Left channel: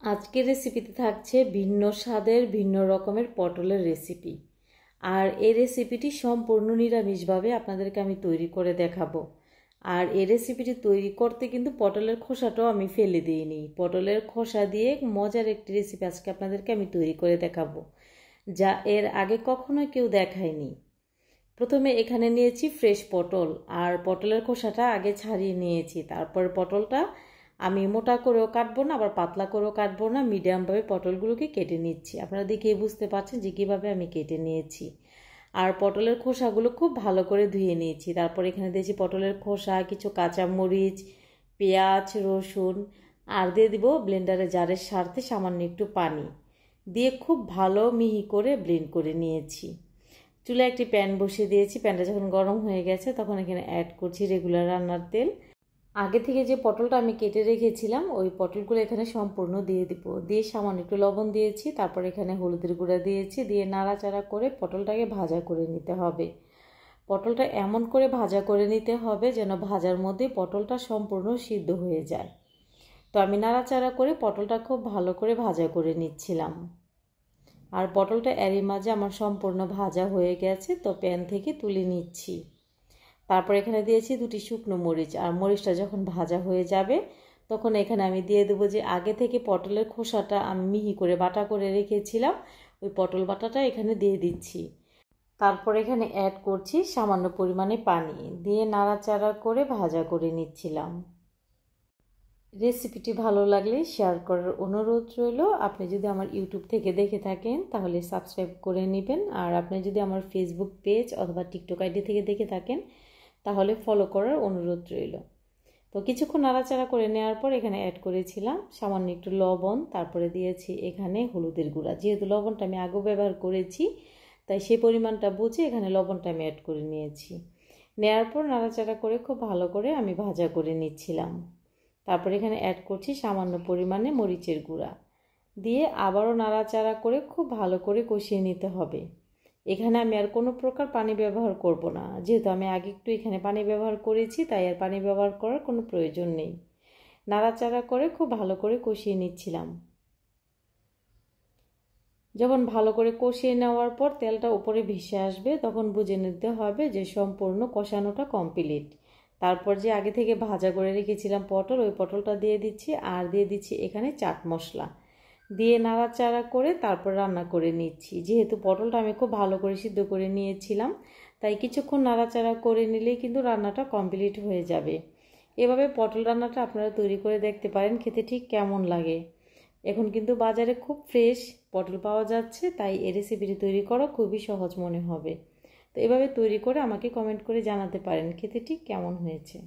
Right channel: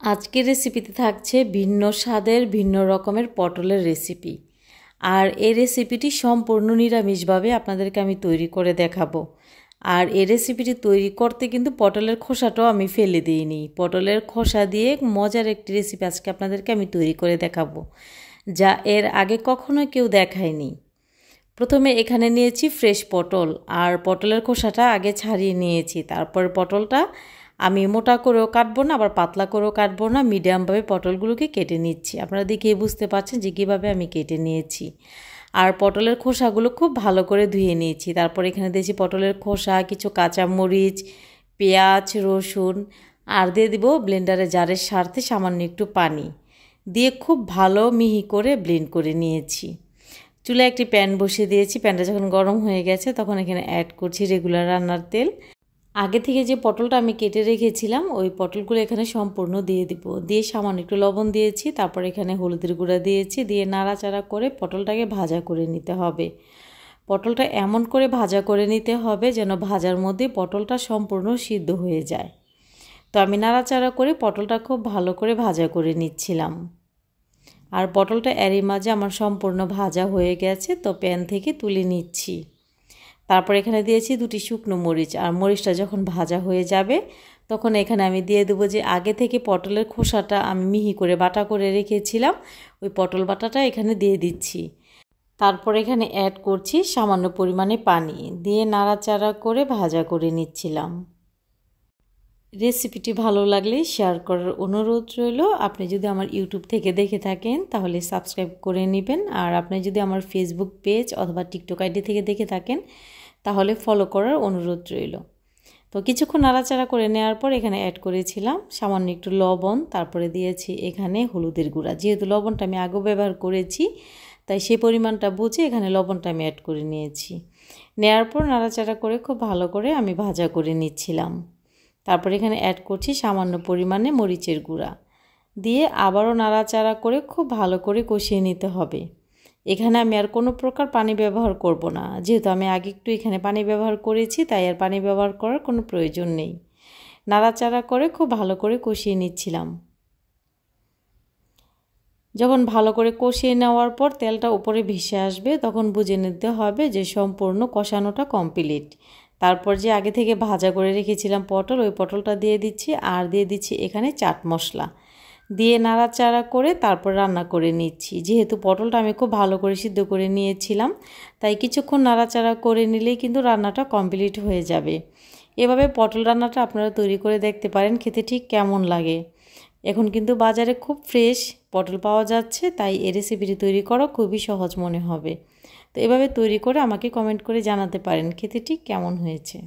আজকের রেসিপিতে থাকছে ভিন্ন স্বাদের ভিন্ন রকমের পটলের রেসিপি। আর এই রেসিপিটি সম্পূর্ণ নিরামিষভাবে আপনাদেরকে আমি তৈরি করে দেখাবো। আর এই রেসিপিটি তৈরি করতে কিন্তু পটলের খোসাটাও আমি ফেলে দিইনি। পটলের খোসা দিয়ে মজার একটি রেসিপি আজকে আপনাদেরকে আমি তৈরি করে দেখাবো, যা এর আগে কখনো কেউ দেখায়নি। প্রথমে এখানে নিয়েছি ফ্রেশ পটল, আর পটলের খোসাটা আগে ছাড়িয়ে নিয়েছি। তারপর পটলটা আমি মোটা করেও কাটবো না, আবার পাতলা করেও কাটবো না, মিডিয়ামভাবে পটলগুলোকে কেটে নিচ্ছি। আপনারা দেখে বুঝতে পারছেন যে কীভাবে আমি কেটে নিয়েছি। আর পটলের খোসাগুলো খুব ভালো করে ধুয়ে নিয়েছি। তারপর এখানে দিয়েছি পটলের খোসা, কিছু কাঁচামরিচ, পেঁয়াজ, রসুন, আর দিয়ে দিব ব্লেন্ডারে জারের সাথে সামান্য একটু পানি দিয়ে খুব ভালো মিহি করে ব্লেন্ড করে নিয়েছি। চুলায় একটি প্যান বসিয়ে দিয়েছি। প্যানটা যখন গরম হয়ে গেছে তখন এখানে অ্যাড করছি রেগুলার রান্নার তেল। আগে থেকে যে পটলটা আমি কেটে রেখেছিলাম ওই পটলগুলো এখানে সম্পূর্ণ দিয়ে দিব। দিয়ে সামান্য একটু লবণ দিয়েছি, তারপর এখানে হলুদের গুঁড়া দিয়েছি, দিয়ে নাড়াচাড়া করে পটলটাকে ভাজা করে নিতে হবে। পটলটা এমন করে ভাজা করে নিতে হবে যেন ভাজার মধ্যে পটলটা সম্পূর্ণ সিদ্ধ হয়ে যায়। তো আমি নাড়াচাড়া করে পটলটা খুব ভালো করে ভাজা করে নিচ্ছিলাম। আর পটলটা এরই মাঝে আমার সম্পূর্ণ ভাজা হয়ে গেছে, তো প্যান থেকে তুলে নিচ্ছি। তারপর এখানে দিয়েছি 2টি শুকনো মরিচ। আর মরিচটা যখন ভাজা হয়ে যাবে তখন এখানে আমি দিয়ে দেবো যে আগে থেকে পটলের খোসাটা আমি মিহি করে বাটা করে রেখেছিলাম, ওই পটল বাটাটা এখানে দিয়ে দিচ্ছি। তারপর এখানে অ্যাড করছি সামান্য পরিমাণে পানি, দিয়ে নাড়াচাড়া করে ভাজা করে নিচ্ছিলাম। রেসিপিটি ভালো লাগলে শেয়ার করার অনুরোধ রইল। আপনি যদি আমার ইউটিউব থেকে দেখে থাকেন তাহলে সাবস্ক্রাইব করে নেবেন। আর আপনি যদি আমার ফেসবুক পেজ অথবা টিকটক আইডি থেকে দেখে থাকেন তাহলে ফলো করার অনুরোধ রইল। তো কিছুক্ষণ নাড়াচাড়া করে নেওয়ার পর এখানে অ্যাড করেছিলাম সামান্য একটু লবণ, তারপরে দিয়েছি এখানে হলুদের গুঁড়া। যেহেতু লবণটা আমি আগেও ব্যবহার করেছি তাই সেই পরিমাণটা বুঝে এখানে লবণটা আমি অ্যাড করে নিয়েছি। নেওয়ার পর নাড়াচাড়া করে খুব ভালো করে আমি ভাজা করে নিচ্ছিলাম। তারপর এখানে অ্যাড করছি সামান্য পরিমাণে মরিচের গুঁড়া, দিয়ে আবারও নাড়াচাড়া করে খুব ভালো করে কষিয়ে নিতে হবে। এখানে আমি আর কোনো প্রকার পানি ব্যবহার করব না, যেহেতু আমি আগে একটু এখানে পানি ব্যবহার করেছি তাই আর পানি ব্যবহার করার কোনো প্রয়োজন নেই। নাড়াচাড়া করে খুব ভালো করে কষিয়ে নিচ্ছিলাম। যখন ভালো করে কষিয়ে নেওয়ার পর তেলটা উপরে ভেসে আসবে তখন বুঝে নিতে হবে যে সম্পূর্ণ কষানোটা কমপ্লিট। তারপর যে আগে থেকে ভাজা করে রেখেছিলাম পটল, ওই পটলটা দিয়ে দিচ্ছি, আর দিয়ে দিচ্ছি এখানে চাট মশলা, দিয়ে নাড়াচাড়া করে তারপর রান্না করে নিচ্ছি। যেহেতু পটলটা আমি খুব ভালো করে সিদ্ধ করে নিয়েছিলাম তাই কিছুক্ষণ নাড়াচাড়া করে নিলেই কিন্তু রান্নাটা কমপ্লিট হয়ে যাবে। এভাবে পটল রান্নাটা আপনারা তৈরি করে দেখতে পারেন, খেতে ঠিক কেমন লাগে। এখন কিন্তু বাজারে খুব ফ্রেশ পটল পাওয়া যাচ্ছে, তাই এই রেসিপিটি তৈরি করা খুবই সহজ মনে হবে। তো এভাবে তৈরি করে আমাকে কমেন্ট করে জানাতে পারেন খেতে ঠিক কেমন হয়েছে।